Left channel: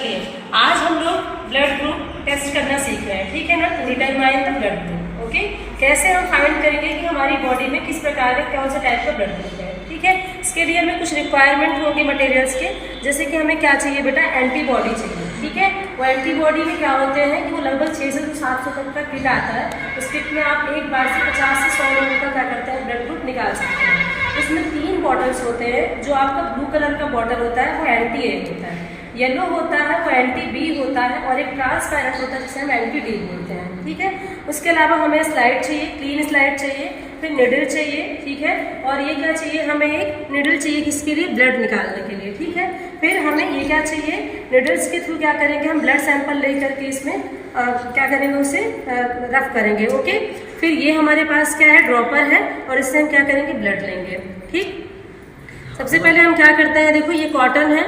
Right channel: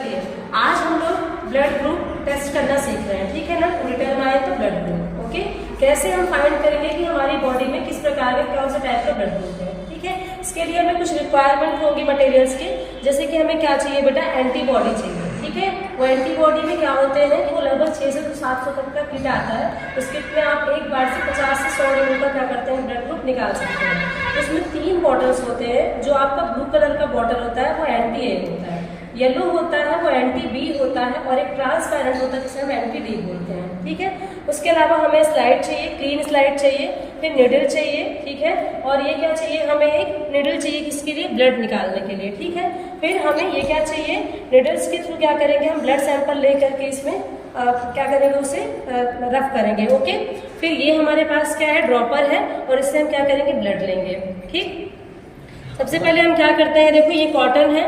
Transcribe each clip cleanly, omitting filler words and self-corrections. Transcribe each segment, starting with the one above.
आज हम लोग ब्लड ग्रुप टेस्ट करना सीख रहे हैं, ठीक है ना। तो determine the blood group, okay. कैसे हम फाइंड करेंगे कि हमारी बॉडी में किस प्रकार के कौन से टाइप का ब्लड ग्रुप है, ठीक है। इसके लिए हमें कुछ रिक्वायरमेंट होंगी मटेरियल्स के, जैसे कि हमें क्या चाहिए बेटा, एंटीबॉडी चाहिए, ठीक है। वो एंटीबॉडी में क्या होते हैं कि वो लगभग 600 से 700 तक का किट आता है। उस किट में आप एक बार से 50 से 100 लोगों का क्या करते हैं, ब्लड ग्रुप निकाल सकते हैं। उसमें 3 बॉटल्स होते हैं। जो आपका ब्लू कलर का बॉटल होता है वो एंटी ए होता है, येलो होता है वो एंटी बी होता है, और एक ट्रांसपेरेंट होता है जिसे हम एंटी डी बोलते हैं, ठीक है। उसके अलावा हमें स्लाइड चाहिए, क्लीन स्लाइड चाहिए, फिर निडल चाहिए, ठीक है। और ये क्या चाहिए, हमें एक निडल चाहिए किसके लिए, ब्लड निकालने के लिए, ठीक है। फिर हमें ये क्या चाहिए, निडल्स के थ्रू क्या करेंगे, हम ब्लड सैंपल लेकर के इसमें क्या करेंगे, उसे रफ करेंगे, ओके। फिर ये हमारे पास क्या है, ड्रॉपर है, और इससे हम क्या करेंगे, ब्लड लेंगे, ठीक। सबसे पहले हम क्या करते हैं, देखो ये कॉटन है।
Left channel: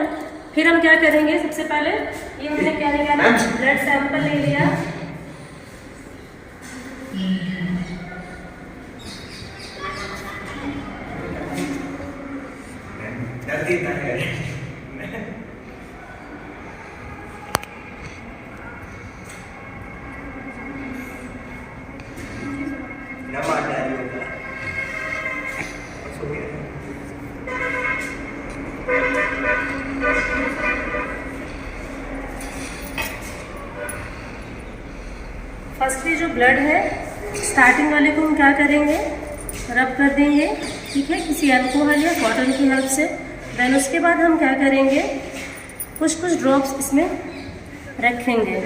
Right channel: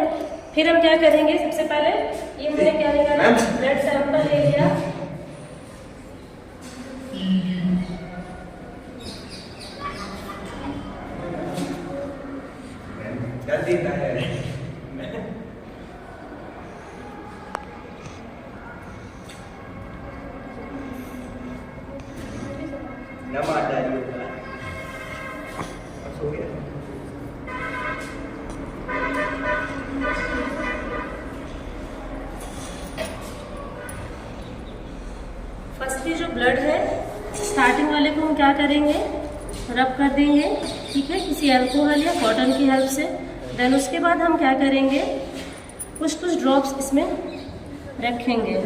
फिर हम क्या करेंगे, सबसे पहले ये हमने क्या निकाला, ब्लड सैंपल ले लिया। डर देता है। फर्स्टली जो ब्लड है, स्टार्टिंग वाले को हम क्या करेंगे, रब कर देंगे, ठीक है, किसी अल्कोहल या कॉटन की हेल्प से। देन उसके बाद हम क्या करेंगे, कुछ कुछ ड्रॉप्स इसमें रखेंगे।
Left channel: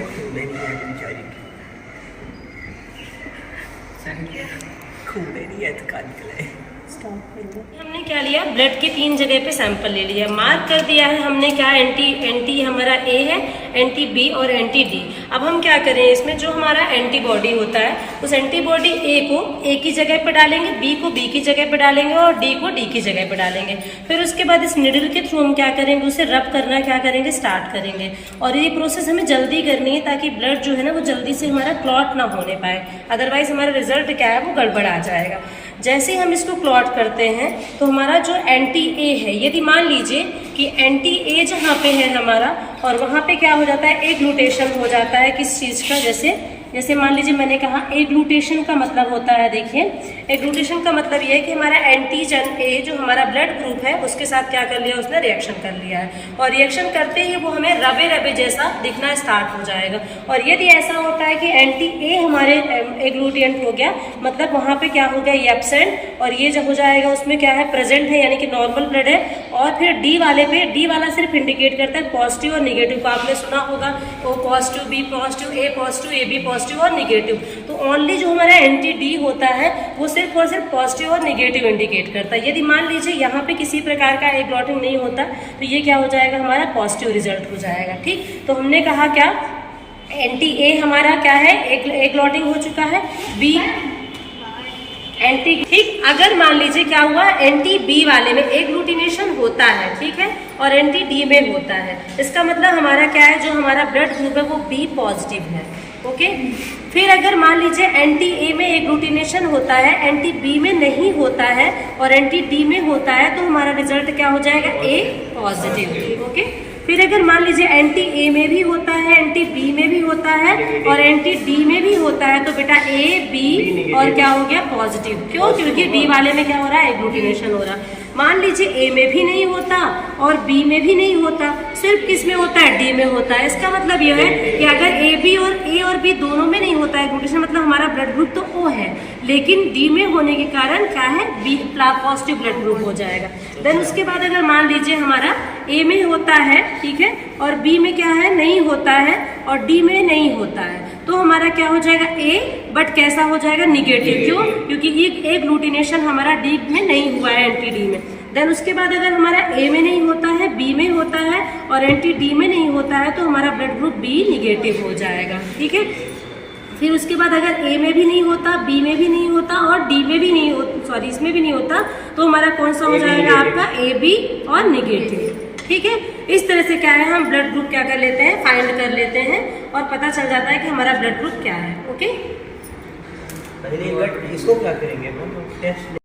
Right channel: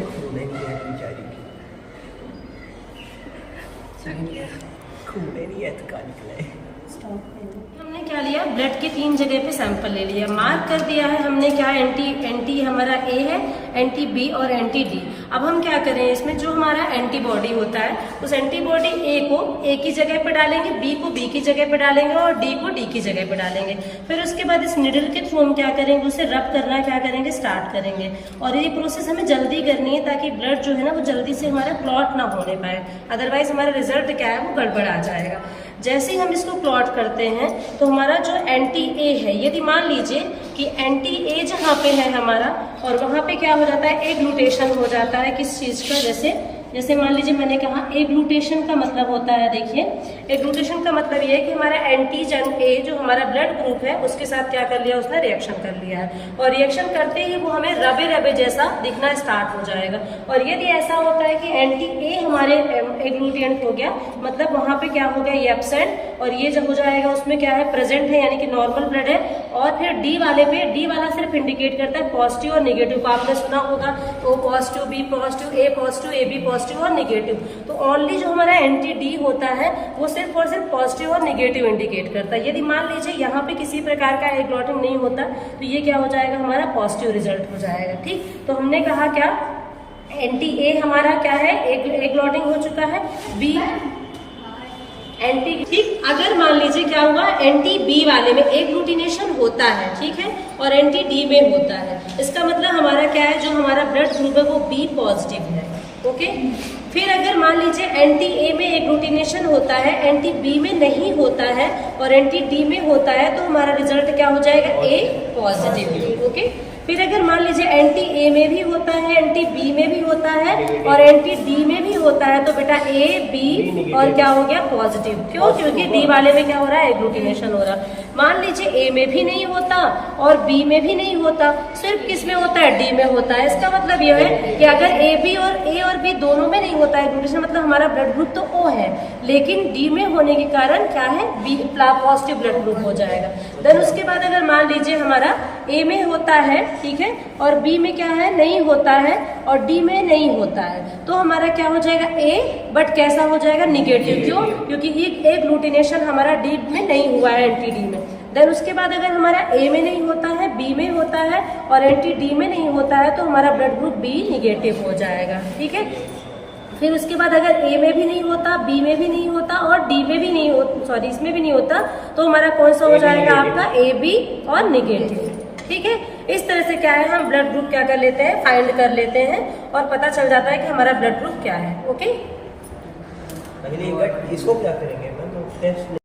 हमने क्या लिया, ब्लड के 3 जगह पे सैंपल ले लिया, मार्क कर दिया है हमने क्या, एंटी हमारा ए है, एंटी बी और एंटी डी। अब हम क्या करें, इसमें जो हमारा एंटीबॉडी होता है, उस एंटीबॉडी ए को ए की जगह पे डालेंगे, बी को बी की जगह पे डालेंगे, और डी को डी की जगह पे डालेंगे। फिर उसके बाद इस निडल के थ्रू हम क्या करेंगे, उसे रब करना क्या करेंगे, स्टार्ट करेंगे। और ये प्रोसेस हमें जल्दी करनी है, ताकि ब्लड जो है ना वो जल्दी से हमारा क्लॉट ना होने पाए, अदरवाइज हमारा रिजल्ट क्या है, वो गड़बड़ आ जाएगा। जैसे ही हम इसको क्लॉट करते हैं तो हमारा जो एंटी ए है, यदि मान लीजिए कि एंटी ए जहाँ पे है हमारा, और वहां पे क्या हो जाता है, एग्लूटेशन हो जाता है किस चीज का, जैसे मान लीजिए मैंने कहा एग्लूटेशन का मतलब होता है, देखिए एग्लूटेशन का मतलब ये है कि हमारा एंटीजन ए जो हमारा ब्लड ग्रुप है उसके साथ क्या कर लिया, उसने रिएक्शन कर लिया है, और रिएक्शन करते ही वो हमें रबे रबे जैसा दिखना स्टार्ट हो जाएगा। और यदि ऐसा होता है कि एंटी ए हमारे एग्लूटिएंट हो गया, मतलब वहां पे क्या हो गया, ये एब्सेंट, और ये जब हो जाएगा उसमें क्या है, प्रेजेंट है, यानी कि नॉर्मल ब्लड है। और फिर डी वाले पे, डी वाला सिर्फ इंडिकेट करता है पॉजिटिव और निगेटिव को, आपने सुना होगा O positive, B positive, A positive, A B positive और निगेटिव। तो ओनली जो हमारा एंटी डी होता है वो सिर्फ और सिर्फ पॉजिटिव और निगेटिव इंडिकेट करता है। यदि मान लीजिए यहाँ पे किसी प्रकार का एग्लॉटिंग नहीं होता तो ये क्या हो जाएगा, हमारा पॉजिटिव रिजल्ट हो जाएगा, ठीक। तो हमने कहा क्या, एंटी ए हमारा क्या है, एग्लॉटिंग हो चुका है, बी एंटी, ठीक। अगर मान लीजिए क्या हुआ, एंटी बी वाले में एग्लूटिनेशन होता है, ठीक है, और एंटी डी में होता है, इसका मतलब हमारा क्या है, जो हमारा ब्लड ग्रुप है वो बी पॉजिटिव है, ओके। फिर अगर मान लीजिए एंटी ए में एग्लूटिनेशन होता है, एंटी बी में नहीं होता है, और एंटी डी में होता है, तो हमारा रिजल्ट क्या हो जाएगा, ए पॉजिटिव, ओके। फिर अगर मान लीजिए एंटी ए में भी होता है, एंटी बी में भी होता है, और एंटी डी में भी होता है, तो बेटा ए बी और क्या हो गया, पॉजिटिव। क्यों, क्योंकि डी वाले में क्या हो रहा है, एग्लूटिनेशन हो रहा है। मान लीजिए ए में भी नहीं होता और बी में भी नहीं होता, सिर्फ किस में होता है, डी में होता है। इसका मतलब यह है कि अगर ए और बी दोनों में नहीं होता है एग्लूटिनेशन, मतलब हमारा ब्लड ग्रुप तो ओ है, लेकिन डी में होने के कारण क्या है, बी पॉजिटिव ब्लड ग्रुप हो जाएगा। देन उसके बाद अगर मान लीजिए हमारा ए में होता है, ठीक है, और बी में क्या है, नहीं होता है, और डी में नहीं होता है, तो हमारा क्या हो जाएगा, ए, बट कैसा हो जाएगा, निगेटिव। क्यों, क्योंकि ये एग्लूटिनेशन हमारा डी में नहीं हुआ है, एंटी डी में। देन उसके बाद अगर हमारा ए में नहीं होता है, बी में होता है, और एंटी डी में नहीं होता है, तो हमारा ब्लड ग्रुप बी निगेटिव हो जाएगा, ठीक है। फिर उसके बाद अगर ए में भी नहीं होता, बी में भी नहीं होता, और डी में भी नहीं होता, सॉरी इसमें भी नहीं होता, तो हमारा कौन सा हो जाएगा, आपका ए बी और निगेटिव, ठीक है। इस तरह से क्या है, हम ब्लड ग्रुप क्या कर लेते हैं, फाइंड कर लेते हैं, और पता चल जाता है कि हमारा ब्लड ग्रुप क्या है, ओके। इसको क्या करेंगे,